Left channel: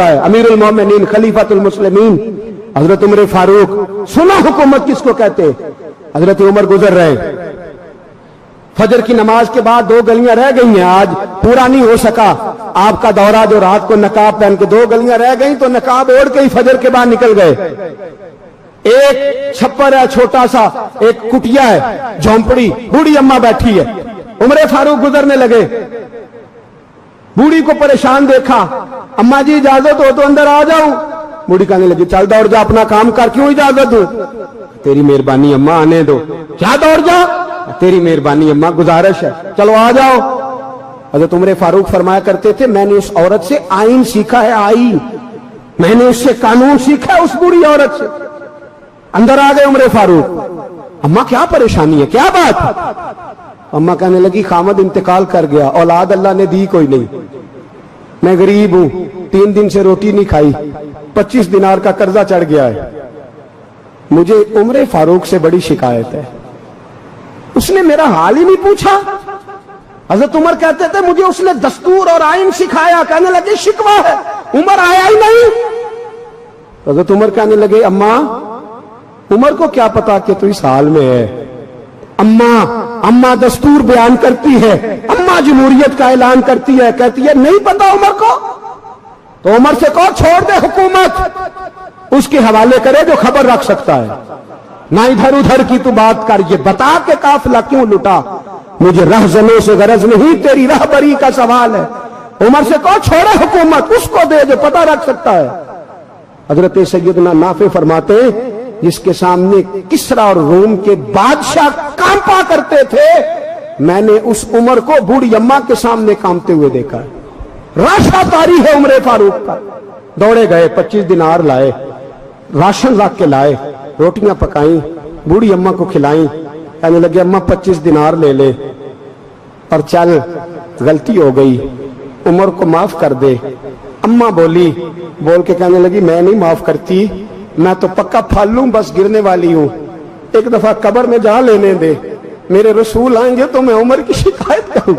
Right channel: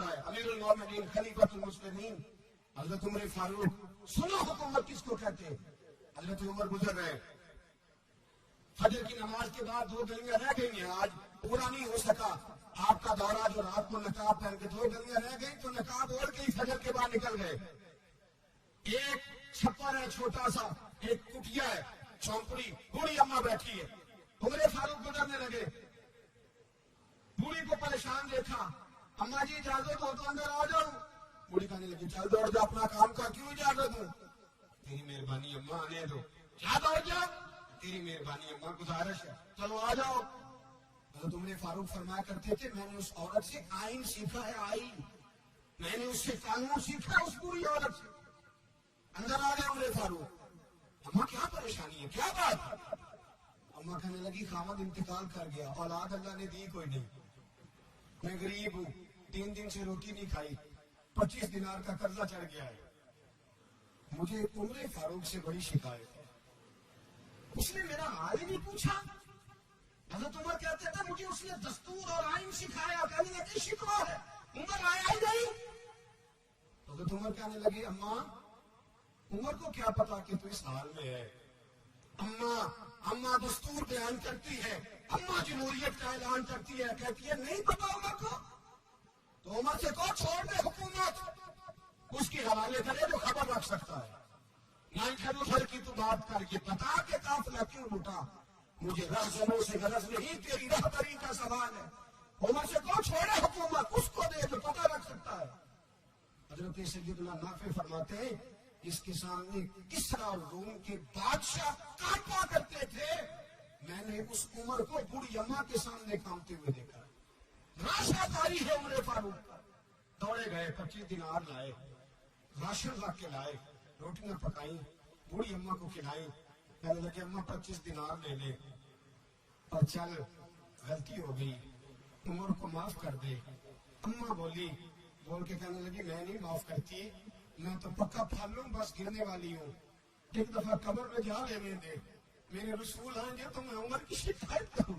फरमाता है, अमीरुल मोमिनीन खलीफतुल मुस्लिमीन हजरत उमर फारूक, सुना हुकूमत किसको कहते। हजरत उमर गुजर रहे, फजर की नमाज के बाद 2 गलियां रह गई हैं, आज पूरा नहीं हो सका आपका दौरा, जो रात को नकाब पहन के 2 गलियां रह गई तो नकाब ओढ़ के ही फजर के बाद निकल गए। एक छप्पर है छोटा सा, एक कुटिया है, झोंपड़ी, बूढ़ी अम्मा बैठी है। उमर फारूक गुजरने लगे, बूढ़ी को परेशान देखा, अम्मा जी इजाजत हो तो अंदर आ जाऊं। बूढ़ी कहने लगी, चल दौड़ जा, अपना काम कर, क्यों इजाजत दूं। तेरी मेहरबानी अम्मा, आने दो। क्या दौड़ जा, तेरी मेहरबानी अम्मा, गुजारिश है, चलो आ जाओ। हजरत उमर फारूक फरमाया करते थे, मैंने उस औरत से आईन सीखा है, आईन, मैंने उससे कानून सीखा है, उस बुरी औरत से। अंदर आ गए उमर फारूक, अम्मा क्या परेशानी है, क्या बात। अम्मा कहने लगी, खामद इंतकाल कर गया, औलाद अल्लाह ने दी कोई नहीं, मैं गरीब हूं, 3 दिन से रोटी नहीं खाई, 25 दिनार का कर्जा चढ़ गया है, मुझे उमर फारूक से बड़ी शिकायत है। उसने मेरा हाल ही नहीं पूछा। हजरत उमर कहते थे, मुझे उसने दस्तूर और आइन सिखाया। कहने लगे, शिकवा है, उमर आया ही नहीं। हजरत उमर कहने लगे, अम्मा, उमर को क्या पता कि तू इस हाल में है। अम्मा दस्तूर बयान करती है, अम्मा जमहूरियत का ऐलान करती है, कहती है नहीं पता उमर को, तो उमर से कहो छोड़ दे हुकूमत, उसके हवाले करे जो खबर रख सकता है, ना इधर उधर की तू बात कर। ये बता के काफिला क्यों लुटा, मुझे रहजनों से गरज नहीं, तेरी रहबरी का सवाल है। उमर से कहो छोड़े हुकूमत, उसको दे जो पता रख सकता है। हजरत सैयदना नाफे फरमाते, जिसके सामने किसरा और रोम के बादशाह कांपा करते थे, मैंने उस उमर को बूढ़ी अम्मा के सामने कांपते हुए देखा। राशा तारी है उमर फारूक का। दौड़े गए, 25 दिनार लाए, राशन रख के लाए, रोटियां पकाई, बूढ़ी अम्मा को खिलाई। कहने लगे, अम्मा 25 दिनार ले ले और चल, गलती हो गई, उमर को माफ कर दे। अम्मा बोली, बोल के कहने लगी, मैं नहीं माफ करती, मैं तो पक्का फल लूं, बस गिरने वाली हूं, एक दफा कब्र में जा लेने दे, मेरे रसूल आएंगे तो मैं उमर की शिकायत करूं।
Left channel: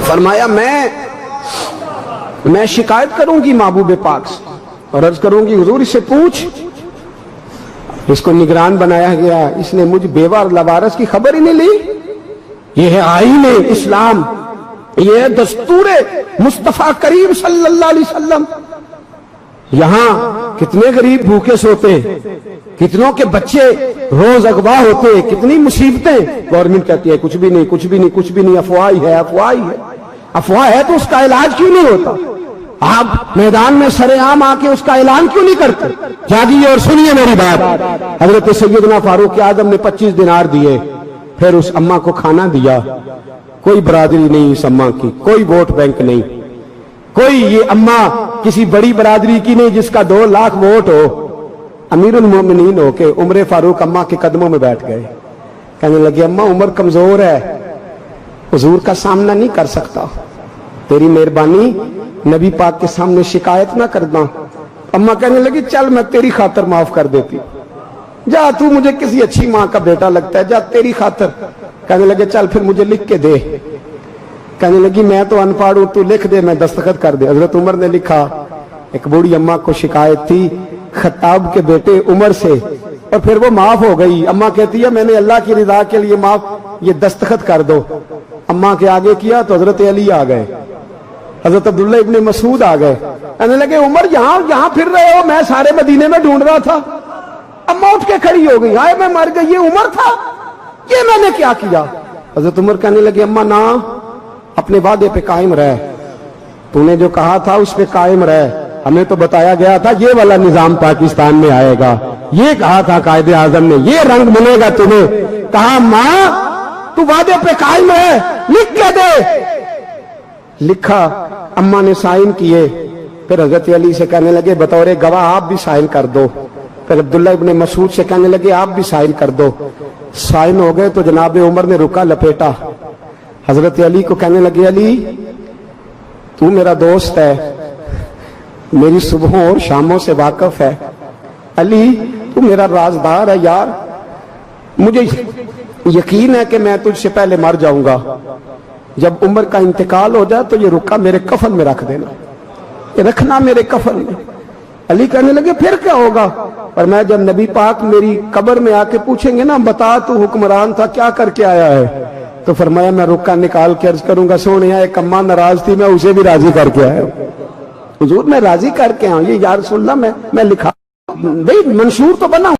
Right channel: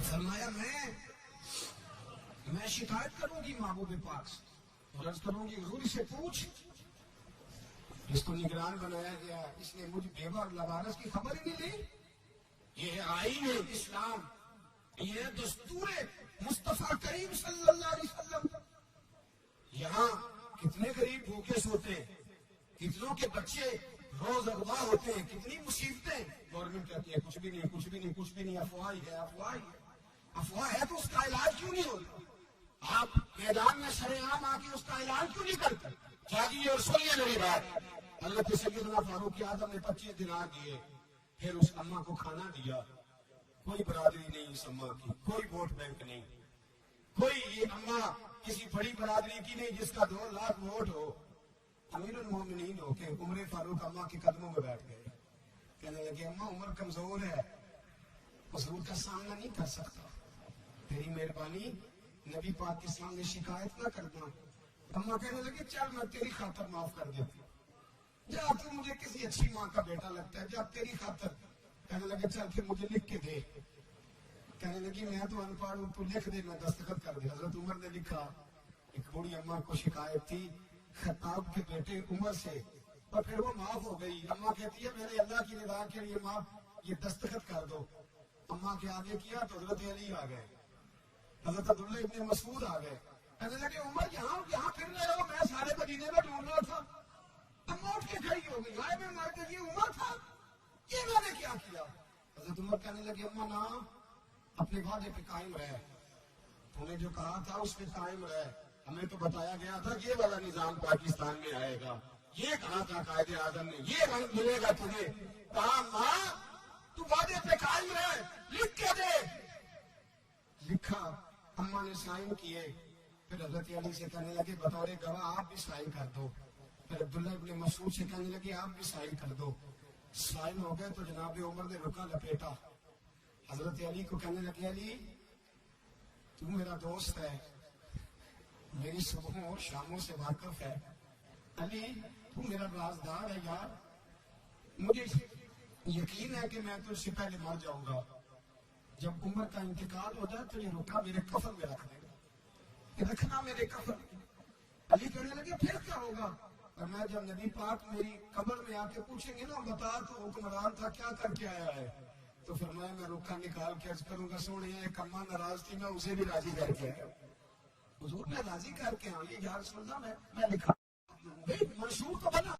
फरमाया, मैं शिकायत करूंगी महबूब पाक से और अर्ज करूंगी, हुजूर इससे पूछ, इसको निगरान बनाया गया, इसने मुझ बेवा और लवारस की खबर ही नहीं ली। ये है आईन इस्लाम, ये है दस्तूर मुस्तफा करीम सल्लल्लाहु अलैहि वसल्लम। यहां कितने गरीब भूखे सोते, कितनों के बच्चे रोज अगवा होते, कितनी मुसीबतें। गवर्नमेंट कहती है कुछ भी नहीं, कुछ भी नहीं, कुछ भी नहीं, अफवाह ही है, अफवाह ही है। अफवाह है तो उसका इलाज क्यों नहीं होता। आप मैदान में सरेआम आके उसका ऐलान क्यों नहीं करते। जागिए और सुनिए मेरी बात। हजरत सैयदना फारूक आजम ने 25 दिनार दिए, फिर उस अम्मा को खाना दिया। कोई बरादरी नहीं इस अम्मा की, कोई वोट बैंक नहीं, कोई ये अम्मा किसी बड़ी बरादरी की नहीं जिसका 2 लाख वोट हो। अमीरुल मोमिनीन होके उमर फारूक अम्मा के कदमों में बैठ गए। कहने लगे, अम्मा उमर कमजोर है, हुजूर का सामना नहीं कर सकता, तेरी मेहरबानी नबी पाक के सामने शिकायत ना करना। अम्मा कहने लगी, चल मैं तेरी खातर माफ कर देती, जा, तू मुझे किसी अच्छी माँ का बेटा लगता है, जा तेरी खातर। कहने लगे, चल फिर मुझे लिख के दे। कहने लगी, मैं तो अनपढ़ हूं, तू लिख दे, मैं दस्तखत कर दे। हजरत उमर ने लिखा। एक बूढ़ी अम्मा को शिकायत थी खत्ताब के बेटे उमर से, और फिर वो माफ हो गई। अम्मा कहती है, मैंने अल्लाह की रिदा के लिए माफ, ये दस्तखत कर दो। अम्मा के आगे किया तो हजरत अली आ गए, हजरत अब्दुल्ला इब्ने मसूद आ गए। कहने लगे, उमर यहां फिर रहे हो, मैं सारे मदीने में ढूंढ रहा था। अम्मा उठ के खड़ी हो गई, हाय मैं मर गई, ये उमर था, ये मैंने क्या किया। हजरत उमर कहने लगे, अम्मा ना, अपने वादे पे कायम रह, तूने जो कहा था उस पे कायम रह, हमें तो बताया गया था ये वाला निजाम पाकिस्तान में आएगा, ये कहा था कायदे आजम ने, ये रंग मिलेगा तुम्हें। कहा, मां तू वादे पे कायम है, लिख के दे। लिखा, अम्मा ने साइन किए। फिर हजरत अली से कहने लगे, बतौर गवाह आप भी साइन कर दो। फिर अब्दुल्ला इब्ने मसूद से कहने लगे, आप भी साइन कर दो। साइन हो गए तो जनाब उमर ने रुका लपेटा। हजरत अली को कहने लगे, अली तू मेरा दोस्त है, मेरी सुबहों और शामों से वाकिफ है, علی تو میرا رازدار ہے یار، مجھے یقین ہے کہ میں تجھ سے پہلے مر جاؤں گا، جب عمر کا انتقال ہو جائے تو یہ رکا میرے کفن میں رکھ دینا، یہ رکھنا میرے کفن میں۔ علی کہنے لگے پھر کیا ہوگا؟ اور میں جب نبی پاک میری قبر میں آ کے پوچھیں گے نا بتا تو حکمران تھا کیا کر کے آیا ہے، تو فرمایا میں رکا نکال کے عرض کروں گا سونیا ایک اماں ناراض تھی میں اسے بھی راضی کر کے آیا حضور، میں راضی کر کے آؤں، یہ یا رسول اللہ میں لکھا بھئی منشور تو بنا